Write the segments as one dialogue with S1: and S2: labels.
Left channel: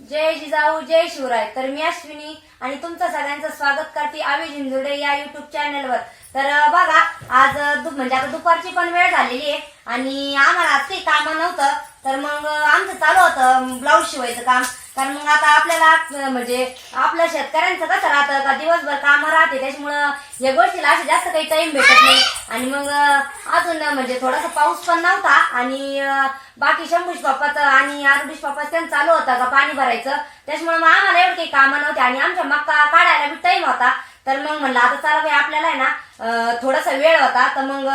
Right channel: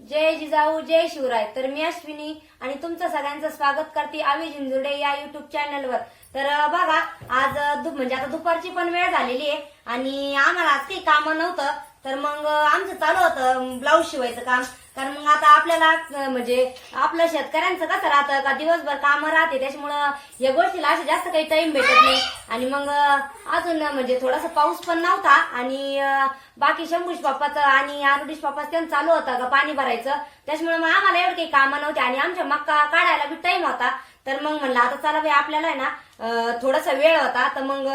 S1: जय जिजाऊ जय शिवराय. तर मी अश्विनी आणि तुमचं सगळ्यांचं स्वागत करते आम्ही झिंजुडे या युट्यूब चॅनलवर तर बघा आज म्हणजे आता दुपारची पण वेळ झालेली आहे आणि आम्हाला आज काही कामं नव्हतं. तर मग आमचं चालू होतं ब्लाऊज शिवायचं काम. कारण मग आता आपल्याला म्हणजे आपल्या शेतकऱ्यांचं कसं राहतं का? दिवसभर कामं राहते त्याच्यामुळं या गोष्टीला असं जास्त काही टाइम भेटत नाही. आणि मग अजून म्हणजे थोडासा पाऊस पण नव्हता आणि बाकी शंभूश बाप्पाचं आणि आरुडीश बाप्पाचं त्यांचं चालू होतं का पाणी भरायचं. त्याच्यामुळे मग आम्हाला एवढं काही कामं नव्हते आणि आमच्या मक्का काढायला बी टाइम होता. तर मग म्हणलं आता चला बाई आपल्याला आहे ना थोडासा वेळ होता. तर मग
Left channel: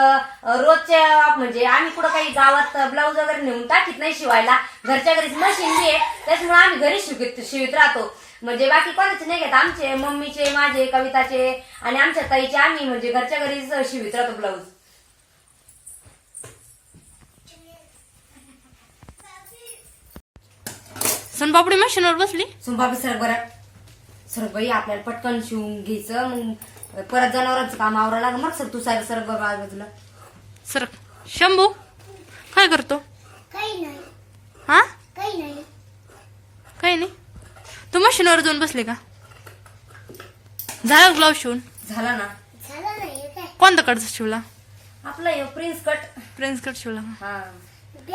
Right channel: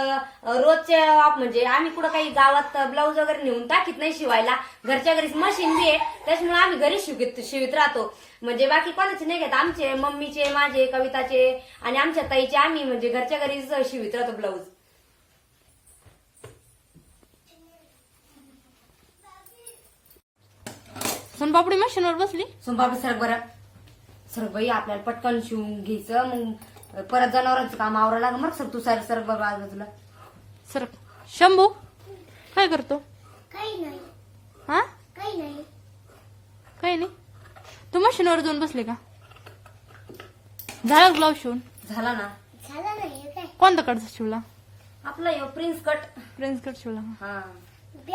S1: रोजचे म्हणजे आम्ही कुठं काही गावात ब्लाऊज वगैरे नेऊन टाकीत नाही शिवायला. घरच्या घरीच मशीन बी आहे. त्याच्यामुळे आम्ही घरी शिवित शिवित राहतो. म्हणजे बाकी कोणाचे नाही घेत. आमचे मम्मीचे माझे कविताचे आणि आमच्या ताईचे आम्ही म्हणजे घरच्या घरीच शिवित राहतो ब्लाऊज.
S2: सोनपापडी मशीनवर बसली?
S1: सुंबाबी सर बरं. सर बाई आपल्याला पटकन शिवून घ्यायचं मग परत जनावरांचं काम आवरा लाग मग सर तू सर सर बघा बाजूला.
S2: सर शंभू काय करतो?
S3: काही नाही.
S2: हा?
S3: काही नाही.
S2: काही नाही. तू मशीनवर जाऊन बसली का? झाला ब्लाऊज शिवून?
S1: झाला ना.
S3: झालं नाही काय?
S2: कोणता कडचा शिवला?
S1: आपला हे प्रिन्स कट.
S2: प्रिन्स कट शिवला का?
S1: हा.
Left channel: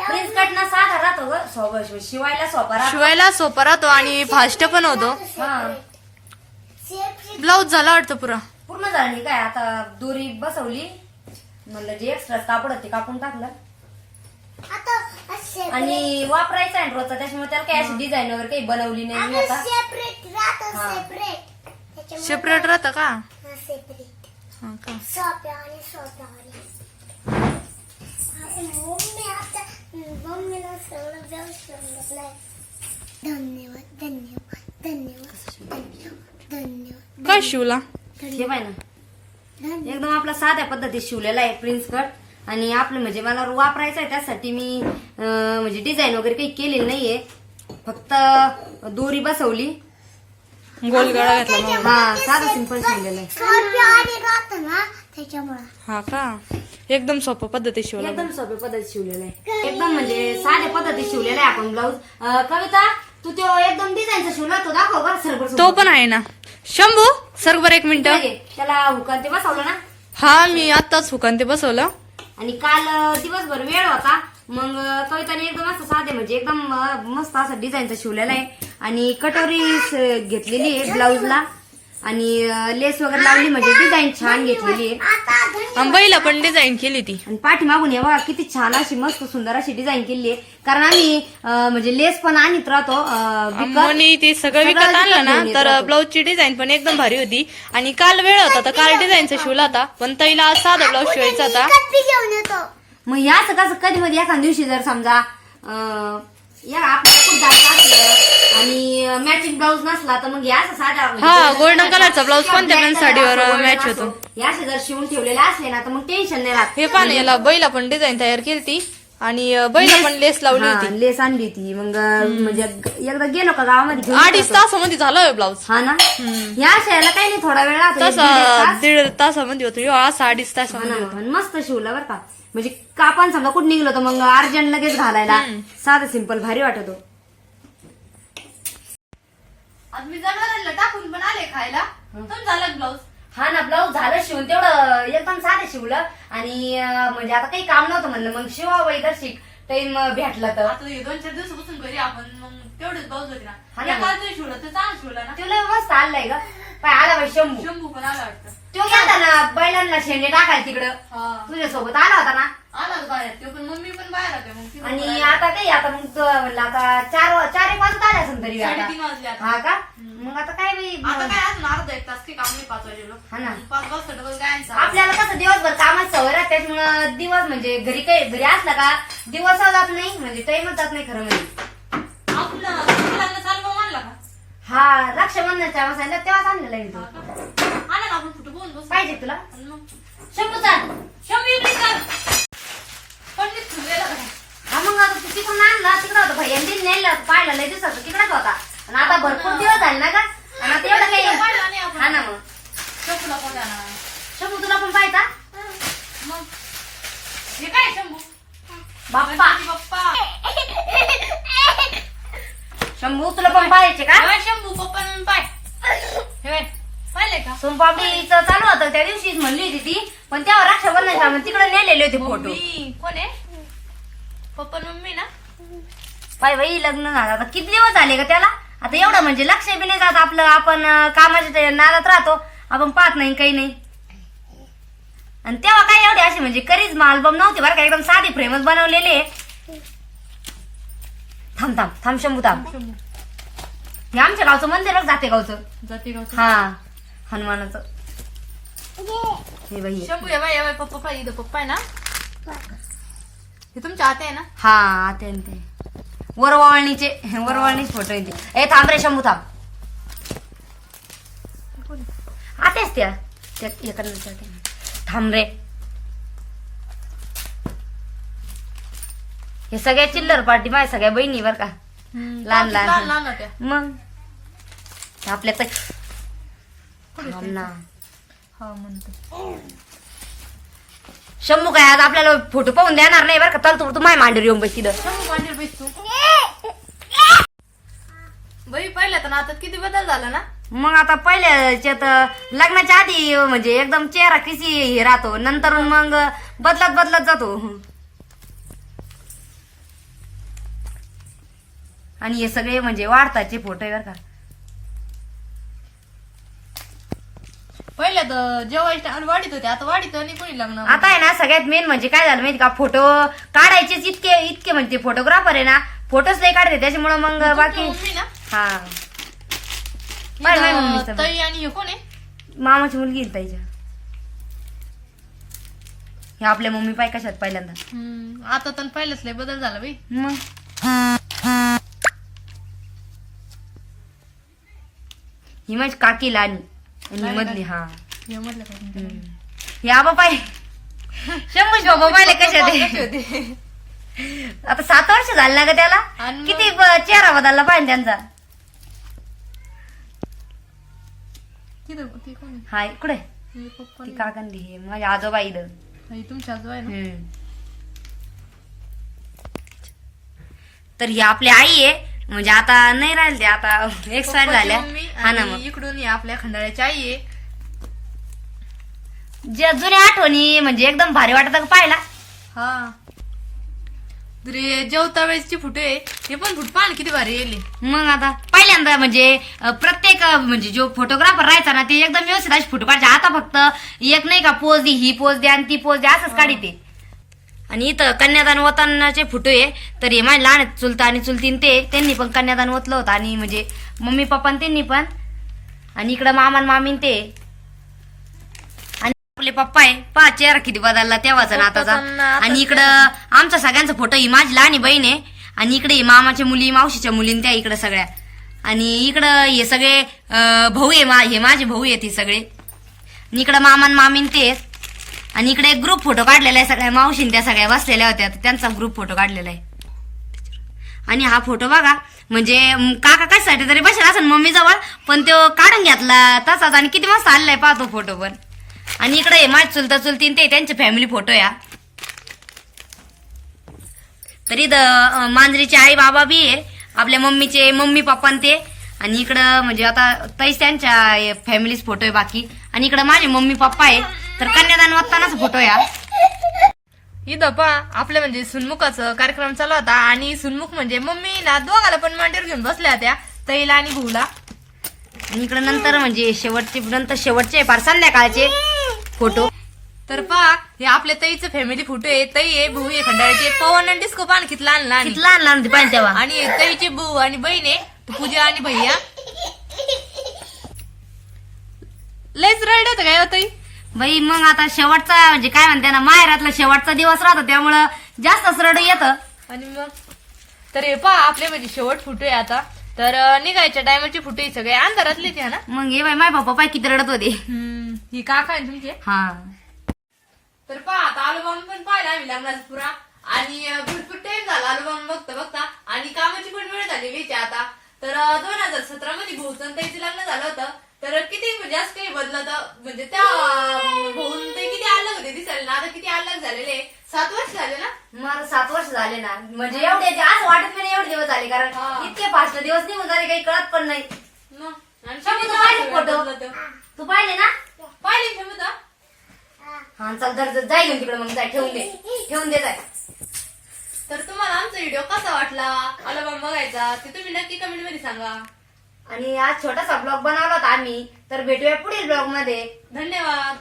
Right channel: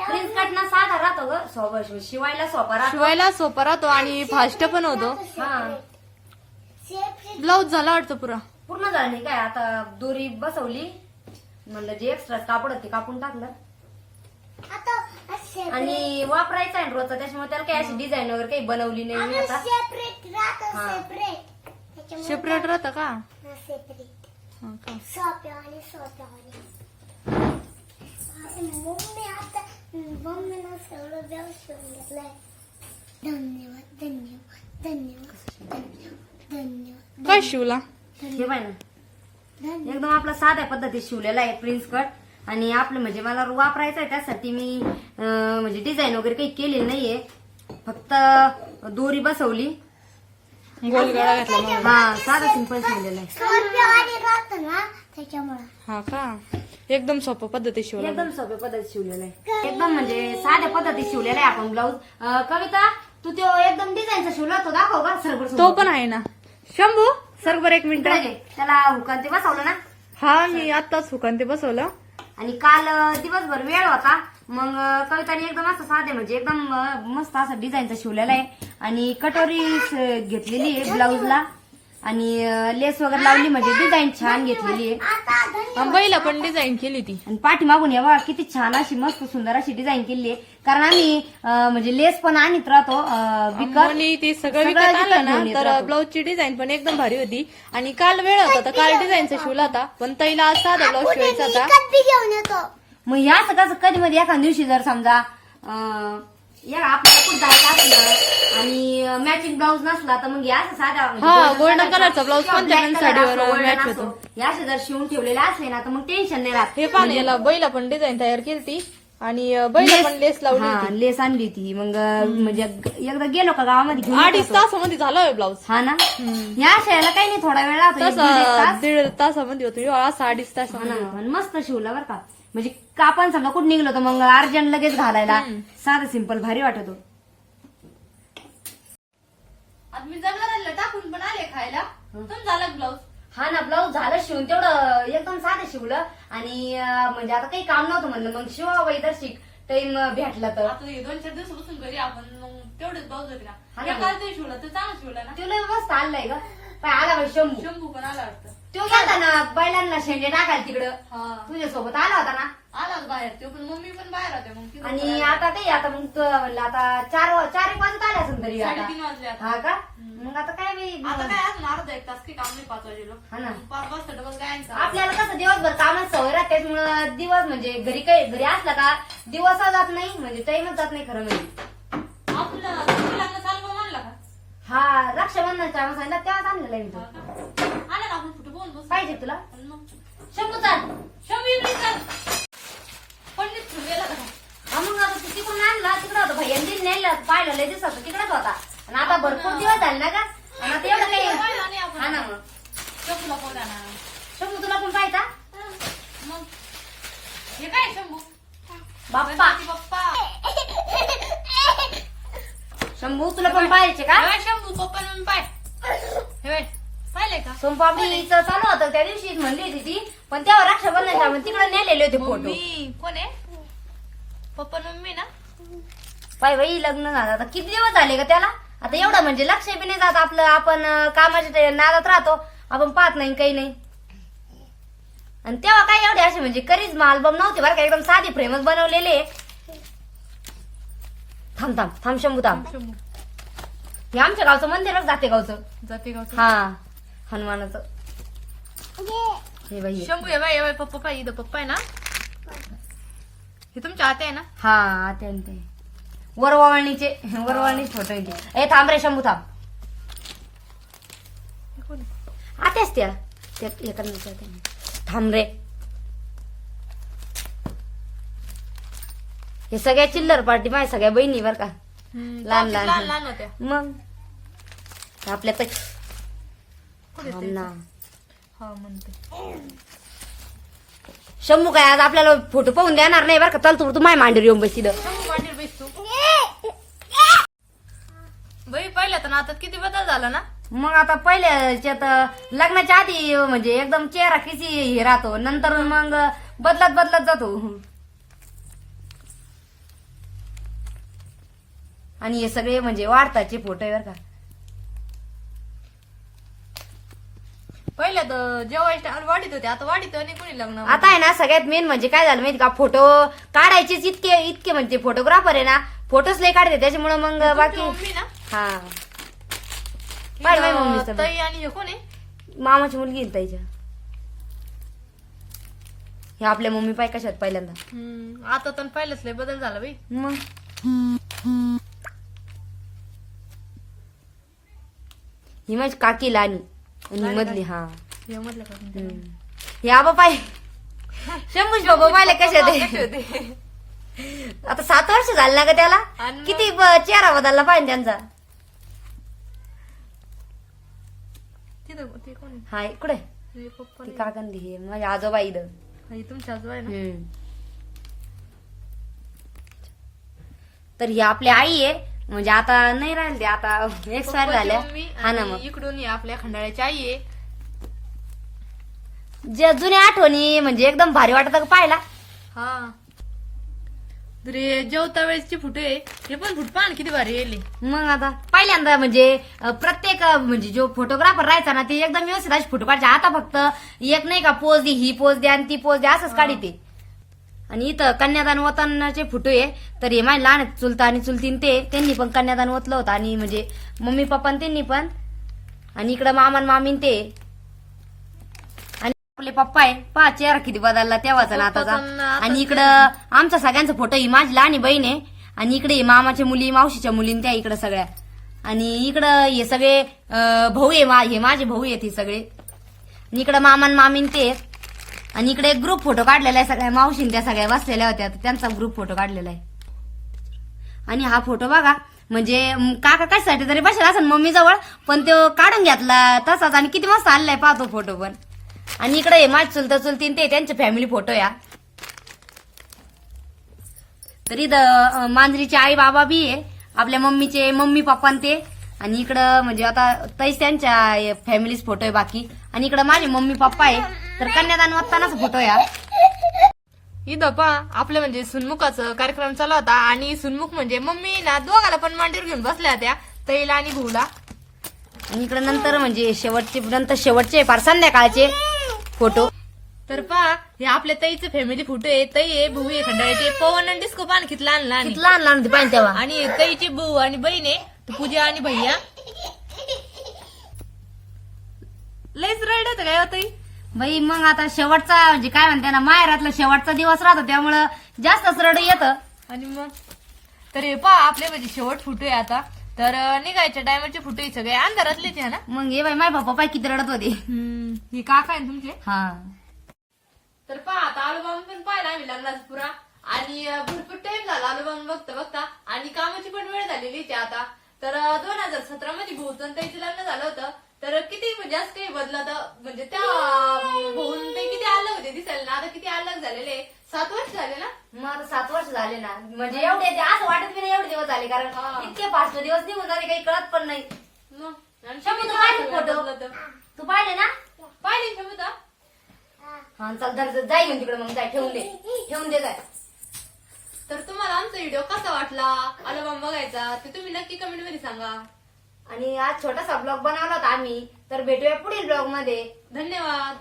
S1: प्रिन्स कट ना साधा राहतो ग. शिवायला सोपा राहतो.
S2: शिवायला सोपा राहतो आणि फास्ट पण होतो.
S1: हा.
S2: ब्लाऊज झाला वाटतं पुरा.
S1: पूर्ण झालं नाही काय आता दोरी बसवली. म्हणलं जे एक्स्ट्रा कापड होते कापून टाकलं. आणि वापरायचं आहे रोजचा त्याच्यामुळे त्याला काही अशी डिझाईन वगैरे काही बनवली नाही मी आता.
S3: सेपरेट राहतं
S1: हा.
S3: सेपरेट त्याच्यामुळे
S2: सेपरेट राहतं का?
S3: सेपरेट
S2: हा का?
S3: सोप्या आणि सोप्या आणि. मम्मी आता मम्मीला सगळं व्यवस्थित घेतलंय धन्यवाद धन्यवाद धन्यवाद धन्यवाद धन्यवाद.
S2: काय शिवला?
S1: हे पाय ना एकदम आपला साध्या पद्धतीत शिवलेला आहे प्रिन्स कट आणि आपलं म्हणजे मला वापरायचं आहे त्यासाठी मी म्हणजे डिझाईन वगैरे काही केलेली नाहीये. फक्त दोरी बसवली.
S2: गोल गळा घातला
S1: हा साधा सिंपल शिवलेला आहे.
S3: सोप्या
S2: हा का? एकदम सोपं पद्धती शिवला.
S1: एकदम सोप्या पद्धतीत शिवलेला आहे. एकदम म्हणजे साध्या पद्धतीत शिवलेला आहे आपण ब्लाऊज कविता तू तो एकदम डिझाईनचा शिवला तो दाखव का सरबर
S2: तो पण आहे ना. शंभू सर बरं एक मिनिट.
S1: त्याला हुकान ते बसवलं ना?
S2: हा मी आत्ताच हुकान ते बसवलं.
S1: आणि काल दिवसभर वेळ होता. मग कविताने एकदम असं साधे म्हणजे एकदम मस्त असं डिझाईनचा शिवलेला आहे. आणि कटोरी घेतलेली आहे ब्लाऊजला आणि लेस वगैरे लावली म्हणजे डिझाईन छान घेतलेली आहे.
S2: आंबाईला पण डिझाईन केली ती.
S1: आणि पाठीमागून या बघा किती छान अशी मस्त सुंदर अशी डिझाईन केली आहे. कारण आम्ही अं, म्हणजे लेस पण आणत राहतो अं, विकत.
S2: ते सगळं विकत आणलं ना तर. ब्लाऊजची डिझाईन पण एकदम भारी होती. आणि काल वेळ होता तर काल डिझाईनचा शिवला होता. पण ताईला आज साधा ब्लाऊज शिवायचा होता.
S3: घेऊन येतो
S1: मग याच कसं कधी मध्ये एखाद्या दिवशी जर समजा अं, या आपल्याला कुठं मॅचिंग ब्लाऊज नसला तर मग या असं साधा म्हणजे
S2: हा,
S1: colourचा
S2: blouse
S1: किंवा
S2: कोणत्या पण साडीवर
S1: असो,
S2: होतो.
S1: या असे जर शिवून ठेवलेले असले ना तर मग टेन्शन नाही राहत.
S2: हे पण याला बैला पण डिझाईन तयार केली ती आणि अं, बैला पण लेस लावली
S1: हा,
S2: होती.
S1: लेस आणली होती. मग म्हणजे एकदा गेलो का गावामध्ये घेऊन
S2: अडीच. तासामध्ये झाला ब्लाऊज
S1: हा ना? या अशाला काही नाही थोडा वेळ राहतो एक दीड
S2: तसा
S1: तास.
S2: दीड तासामध्ये होतो. ह्यो असा अडीच
S1: हा
S2: तासामध्ये
S1: पण मस्त शिवला बरं का. म्हणजे कापण समजा कुठं निघलो तर मग अर्जंट लगेच घालायला. साधं सिंपल भारी वाटतो
S2: मी जनावरांना टाकून पण आले खायला. झालं ब्लाऊज
S1: हा ना ब्लाऊज झालं शिवून. तेवढं एकदम साधं शिवलं. आणि अं, म्हणजे आता काही काम नव्हतं म्हणलं. मग शिवावं तर शिक टाइम भेटला तर.
S2: आता हे दोन चार दिवसापासून घरी आपण मग तेवढेच ब्लाऊज होते
S1: हा
S2: ना
S1: ना.
S2: ते शिवलं ते चांगलं शिवलं ना.
S1: तुला मस्त आणलंय ग. पाय आला बाई शंभू.
S2: शंभू पण आला वाटतं.
S1: तो गेला ना बैलांना शेंडे टाकायला तिकडं.
S2: हा.
S1: तुझ्यासोबत आला होता ना?
S2: आला बाहेर. ते पण मम्मी पण बाहेर होते मग ती
S1: आणि. आता काही आता मग तो म्हणलं आता चार चार एक वाजत आले असेल तरी आता
S2: साडेतीन वाजले आता.
S1: हा का? मग आता काय बाई?
S2: आता काय अजून अर्धा एक तास काही काम नाही पाच वाजेलो.
S1: हा ना.
S2: पाच वाजता डबल काय?
S1: आपल्याला कसं दिवसभर कामात सवय राहते त्याच्यामुळं दिवस म्हणजे घरी काही घरी असला का दिवस जात नाही म्हणजे टाइमच जात नाही खरं म्हणजे.
S2: आपलं का?
S1: हा रक्षाबंधनच्या वेळेस सांगितलं तेव्हाच आणलेला आहे तो.
S2: आपण कुठं बोल बस
S1: पाहिजे तुला?
S2: आणि
S1: शंभू चाल.
S2: शंभू इकडे कर पंडित गेला
S1: हा मग आता तू तिकडून आणला तिकडं होता भैया दिन नेलं पाहिलं लय दिवसाचं तिकडेच होता. आणि आता भरपूर दिवस झाले ना का आणि आता एवढं
S2: पाहिला नाही
S1: काही
S2: आपण.
S1: हा ना मग.
S2: शंभूला कोण आणणार
S1: शंभू तुला पण पाहिजे
S2: मग? हे काय शंभू?
S1: बाप्पा.
S2: बाप्पा.
S1: शंभू तुला पण पाहायचे का?
S2: हे शंभू पप्पा पाय. हे पाहिलंय का?
S1: सोमपापडीचं चालू होतं त्या दिवशीच म्हणली होती ती पण तेव्हा रक्षाबंधनच्या मग तिकडे नेलेले होते फोटो
S2: मम्मी कोण आहे? पप्पा आणि मम्मी ना?
S1: पाय बाई लग्न झालं. आता किती दिवस झाले का त्याला? आता एवढं म्हणजे लक्ष बी नाही जात आपलं. आपण अं, कामाच्या ते नादात राहतो. आपण पाहत नाही काही नाही. आणि तेव्हा काय एवढे असे म्हणजे करीच अल्बम नव्हते बरं का एकदम साधी फ्रेमच बनवलेले. थांब थांब थांब शंभू थांब
S2: शंभू.
S1: हे आमच्या गावचं मंदिरच जाते गावचं.
S2: जाते गावचं.
S1: हा. हनुमानाचं. हे बाई. हे.
S2: शंभू बाय हे बाय पप्पा पाय इथं पप्पा आहे ना? हे तुमच्या आते आहे ना?
S1: हा आते न ते. वरवळणीचे वरवळणीचे फोटो येते. ए थांब रे शंभू थांब. आतेच त्या हे. थांब रे. हे सगळ्या चिल्लर पार्टी माझ्या सगळ्या बहिणी बर का. लहान-
S2: लहान
S1: लहान.
S2: लहान. होत्या.
S1: मग? आपल्या तर
S2: कुठे
S1: थांब
S2: ते?
S1: ना.
S2: हा म्हणते
S1: शंभू काय आज आपल्याला फोटो पाहून देणार नाही बरं का? चल तू माय मांडीवर येऊन बस तिथं
S2: बाई पहिल्या तर आता किती बदल झाला ना?
S1: मग आता पहिल्याच्यात लग्नाच्या आधी म्हणजे एकदम चेहरा किसी हे राहतो. नंतर मग बदलत बदलत जातो. आणि हे सगळे म्हणजे वाढताचे फोटो आहे बरं का.
S2: तर जेवायच्या आणि वाढीत होते. आता वाढीत आणि कोणी लग्न
S1: आता आहे ना सगळ्यात मेन म्हणजे काय झालं माहिती का? फोटो काढायचेच इतके इतके म्हणजे फोटोग्राफर आहे ना फोटोच नाही काढते त्याच्यामुळे मग बाकी
S2: मम्मी ना?
S1: हा. बाय बाय
S2: इथं
S1: मम्मीचं.
S2: ताई आणि हे कोण आहे?
S1: मामाची मुलगी आहे ताईच्या. हे आपल्या मम्मी पाय कशात पहिल्यांदा?
S2: हम्म, आता तर पहिलंच लय बदल झाला बाई.
S1: मग? ही माझी काकी लानी आणि ही मधली हा.
S2: हे म्हटलं का
S1: आबा पाय शंभूच बाबा पाहिले कशा ते आता सात वर्ष झाले ना ग त्याला?
S2: आणि मग-
S1: किती ब- चेहरा बदलला पाहिजे त्यांचा.
S2: तिथं ते कोण आहे?
S1: हाय कुठे
S2: हे पप्पा
S1: ती हे माझ्या आजोबा इथं.
S2: हे तुमच्या आजोबा आहे ना?
S1: हम्म. तर ही आपली आई आहे. म्हणजे आता नाही राहिले ते आता एक्सपायर
S2: पप्पाची
S1: झाल्या.
S2: मम्मी
S1: हा ना
S2: आणि
S1: मग.
S2: इकडून ही आपल्या खंडाळ्याची आई आहे.
S1: जे जुन्या आठवणी म्हणजे एकदम भारी वाटत पाहिला
S2: हा. तरी जेवता वेळेसची फुटे हे पण फुट पाहा ना किती भारी येईल
S1: मग आता पहिल्यांदा म्हणजे अं, प्रत्येक अं, म्हणजे जो फोटोग्राफर राहायचा ना ते एकदम व्यवस्थित असे फोटो काढायचे. आता फक्त एक नाही का पोज दे ही पोज दे आणि ती पोज दे असंच काढी ते. आणि इथं कन्यादान वतनाचे फोटो आहे. तर हे माझे लहान आहेत, चुलता आणि चुलतीन ते त्यांनी पण कन्यादान ओतलं होतं. आणि म्हणजे मम्मी पप्पा आणि त्यांनी पण. आणि इकडं मामा आणि मामीन ते. आपले पप्पा आहे. पहा चेहरा किती बदलला तेव्हाचा ना
S2: पप्पाचा आणि
S1: आताचा
S2: आताचा.
S1: आणि इकडं आमचा सगळ्यांचा फोटो ही माझी लहानी बहीण आहे. आणि इकडे मामाच्या मुली मावशीच्या मुलीन त्या इकडे सगळ्या. आणि इकडं हे सगळे भाऊ आहे मा हे माझे भाऊ आहेत हे सगळे. आणि इकडं मामा आणि मामीन ते. आणि इकडे एक ग्रुप फोटो काढलेला आहे सगळ्या मावशीन त्या सगळ्या बसलेल्या होत्या. त्यांचा ग्रुप फोटो काढलेला आहे. आणि हा फोटो बघा म्हणजे काका कशासाठी तरी बसेल असं मम्मी जवळ पण तो काढून घेतला तसाच आणि किती मस्त आलेला पाहतो फोटो पण. आणि इकडे हे माझ चुलता चुलतीन ते त्यांचे फॅमिली फोटो या. तरी द मांजरीचे आई बाबा बी आहे आपल्या मम्मीचे मम्मी पप्पा ते. आणि इकडं म्हणजे आता तैस त्यांच्या फॅमिलीच फोटो आहे बाकी. आणि इकडं माझे मम्मी पप्पा आहे. तर कन्यादान वागतानाच फोटो या.
S2: इथं पहा आपल्या म्हणजे सुनमुखाचं कार्यक्रम चालू होता. आणि सुनमुख म्हणजे मम्मी ना दोघाला पण मांडीवर घेऊन बसल्या होत्या तैला आणि भाऊला.
S1: आणि इकडं नंतर म्हणजे शेवटचे नंतर शेवटचे फार संध्याकाळचे. फोटो.
S2: तर पहा हे आपल्या ताईचं फॅमिली फोटो आहे. ताई आहे भाऊ आहे खंडाळ्याचे पवन आणि डिस्को पान किती लहान लहान आहे.
S1: लहान लहान होते पाहिजे तेव्हा.
S2: आणि ताईची भाऊ आणि बहीण आहे. पूजा आणि भैया. लयच रडत होतं काय हो ताई?
S1: बाई मग आता शेवटचा म्हणजे काय म्हणते ना माहेरातला शेवटचा दिवस राहतो त्यामुळं जास्तच रड येतं.
S2: आणि मग? तर हे पहा आपले म्हणजे शेवट फुटो आहे आता. तर अं, निघायच्या टायमाचे फुटो आहे सगळे. अंधारातले ते ना?
S1: मग हे बाई माय पप्पा पाय किती रडत होते.
S2: ही काका आहे ना तुमचे?
S1: हा.
S2: तर पहा आता अल्बम पण पाहिला आम्ही लग्नाचा पुरा. आणि अं, भरपूर टाइम झाला अल्बम बघता बघता. आणि कामाची पण वेळ झालेली आहे आता. तर दोन हजार सतरा मध्ये त्याचं लग्न झालं होतं. तर किती म्हणजे असं काही बदलत म्हणजे त्या होऊन ते किती अलग होते दिसायला ना? आता किती अलग झालेले? सात वर्ष झाले ना?
S1: मला सात वर्ष झाले ना. म्हणजे एवढे ते असं वाटत पण नाही एवढे दिवस झाले. कारण. इतके फास्ट दिवस निघून झाले काही कळत पण नाही.
S2: मग आणि
S1: शंभू,
S2: किती
S1: तू पाहिले
S2: सगळं
S1: फोटो?
S2: बदलतं.
S1: तू पाहिले ना
S2: पाहिले क्षमता
S1: चल धर धर, जाय घेऊन तिकडे मग जाय ठेवून दे. ठेवून दे जाय.
S2: तर तुम्हाला आमचा व्हिडिओ कसा वाटला? अल्बम बघायचा. ते तुम्ही नक्की कमेंटमध्ये सांगा.
S1: आणि आज छोटासा ब्लॉग बनवला होता आम्ही. तर भेटूया पुढील ब्लॉगमध्ये.
S2: धन्यवाद.